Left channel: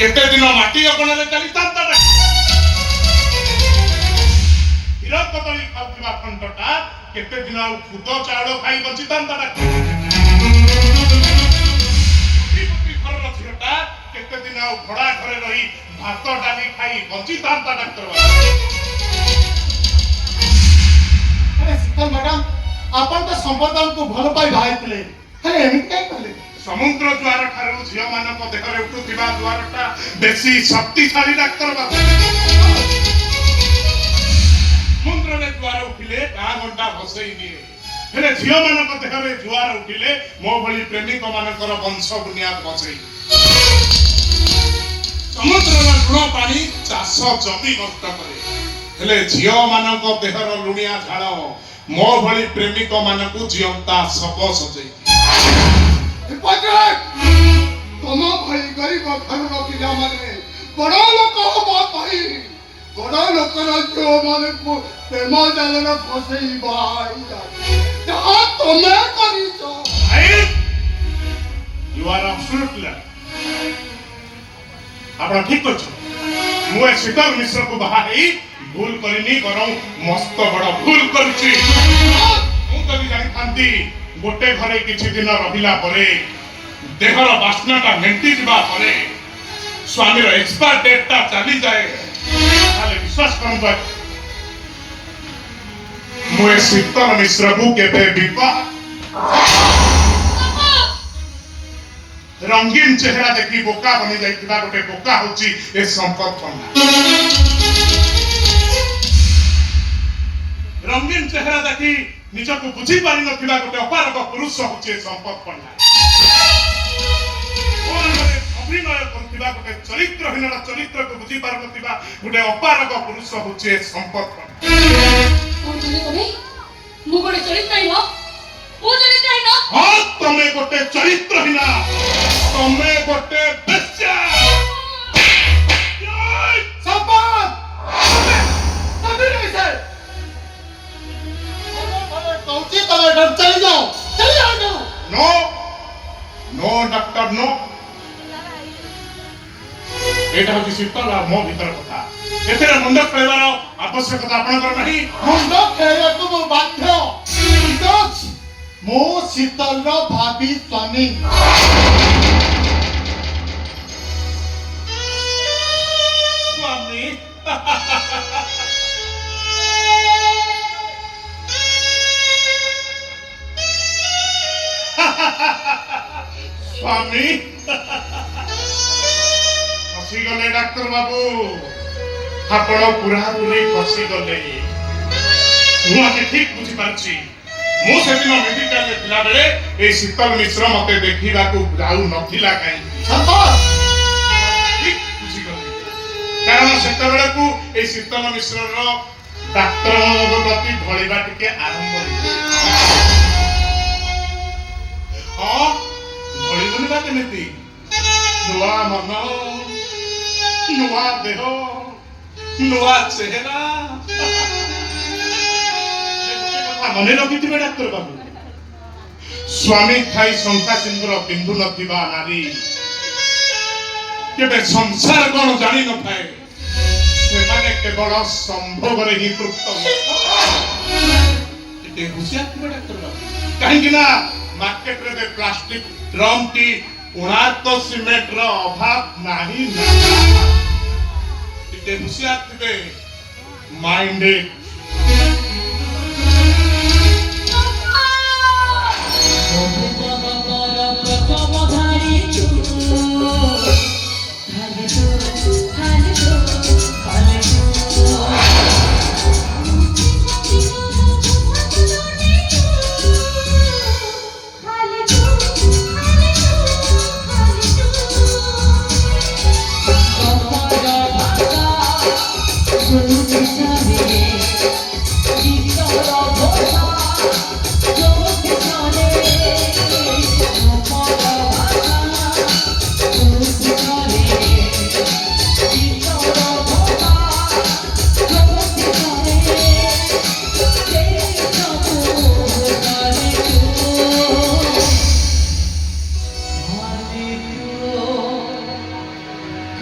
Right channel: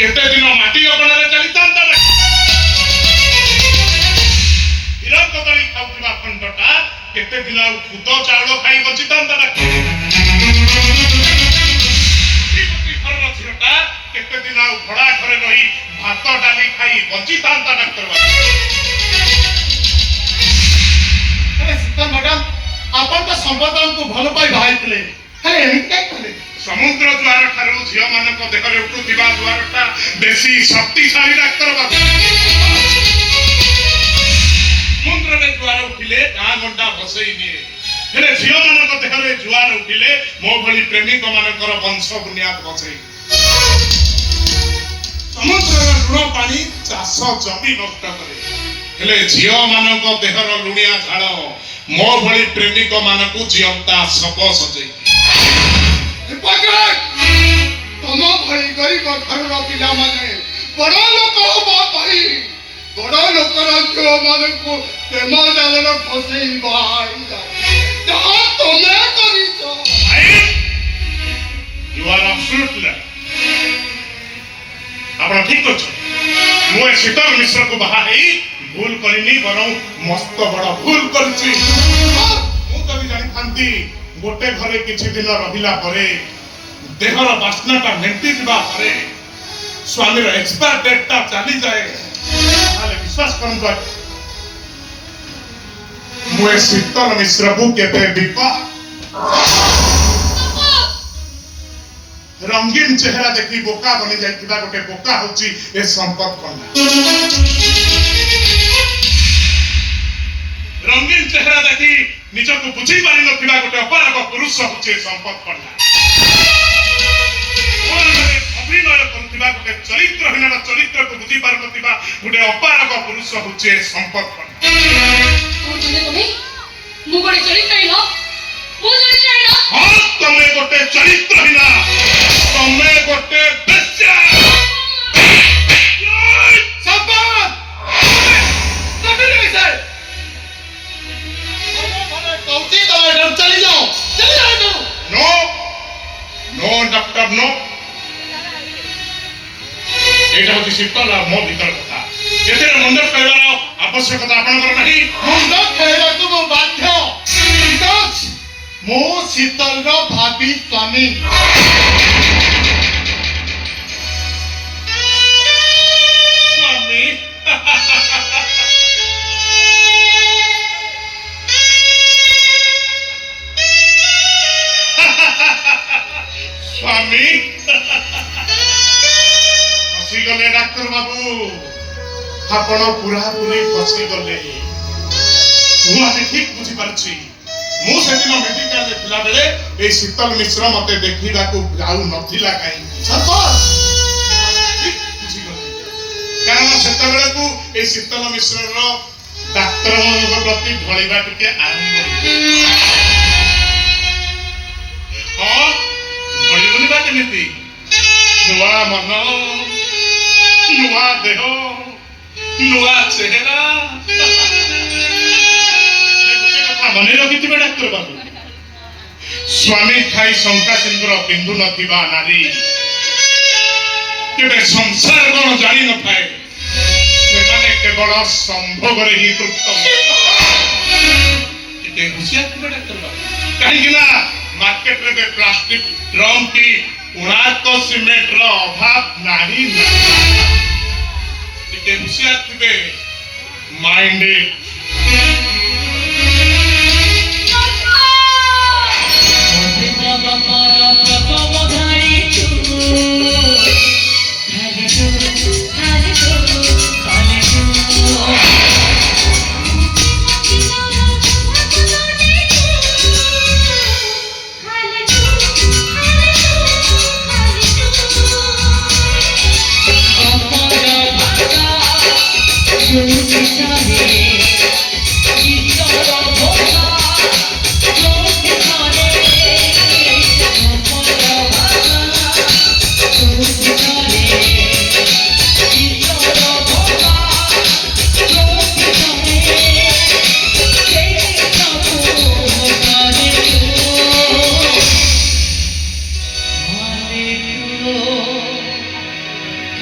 केते दिन माटी अगणारे चलितांता हिरा कदली खाउथिबा खंडटा केते दिन खुद चाउल खाई बचितांता केते दिन घोड़ा घरे रही भात डाली खाई बचितांता डॉक्टर मैडम आपण तो संपदान को भल पाई भाईतले खाली एमित काय कले समुद्र द्वार ठारू झियो मानक देहरे उठुथिबा द्वारटा बेसी शक्तिशाली डॉक्टर बाबू समुद्र रे द्वार उठिले गां गड्डा भसई निए हेले झियो मानक देहरे जुआर उठिले मो भली प्रेमिक मानकर वंश बुनियाद भसई समुद्र लुण पानी चाष जमी नष्ट करे हेले झियो मानक देहर लुणिया झाड़ मो भली प्रेमिक मानकु जियंता सब सजई तुम भली गरीब घर पिला माने बड़ लोक हो कही बड़ लोक जो माने को प्रेम जाल फसई बाई जहाँ तुम्हें करी तो यू आर एब्सोल्युटली आपण ठीक अछि मु शीतल मिश्र को बाहा हेई भूल करिनी बरं मस्त बड़ भूल करछि मु कभी जानि थांती गोटे घरे किछि दिन रहिला परे देहर बासनाटा मेंटी दिबा परे स्वामी रो एक्सपायर डेट ता चली जाए ताले विश्वास करन मु शीतल मिश्र को केबे विवाह रंगीन चेहरा देखी बोका बनी जाइथिबा गोटे बोका होची ए संपर्क पन्ना रंगीन चेहरा देखी निजको बुझी पारि नथिबा गोटे अपारक पुरुष होची संपर्क पन्ना ओनरे अभिनय करथिबा गोटे चरित्रहीन चरित्र को बुझी पारि नथिबा गोटे अपारक पुरुष होची संपर्क पन्ना तुम्ही मु गोटे चरित्रहीन हाँ तमे गोटे चरित्रहीन तमे गोटे बेश्या संपद कभी नहीं सर कौची तुम इधर चली जाओ नो नो डॉक्टर नो एटा होची शीतल मो भीतर कथा एथरे मुंड खेलवार आवश्यकता आपनकर नाही मुंड खेलवा को मो बाध्य बिकॉज़ मो शीतल रो भाभी स्वामी स्वामी स्वामी फसी गले डॉक्टर बाबू आपण पूरा पूरी फसी गले मु आज ठीक बुझी पारछि मु सेदिन मेडिकल रे थिला बेले ए शीतल मिश्र मते देखिबा को आउ नथिला काई संपद ठीक बुझी गले कारण सेते बेले को ए शीतल मिश्र रो डाक्टर ମାନଙ୍କ प्रति भଳିबा टिके आरंभ हां भळिबनी बा केमिति नुआ मन नुआ देह नुआ चेहरा मने रखिथिबे डाक्टर बाबू स्वामी खाई शंका सिंदूर बिंदु नथिबा नारी केबे संसार कोन जानि न पाए से माने केवल संभोग रे ही तृप्त के हुसिया थिबे डाक्टर बाबू काहे किना मार्केट रे प्लास्टिक ड्रम की उणात सीमेंट रो अभाव नाही ना के हुसिया थिबे माइंडेड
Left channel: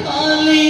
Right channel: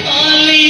ଖାଲି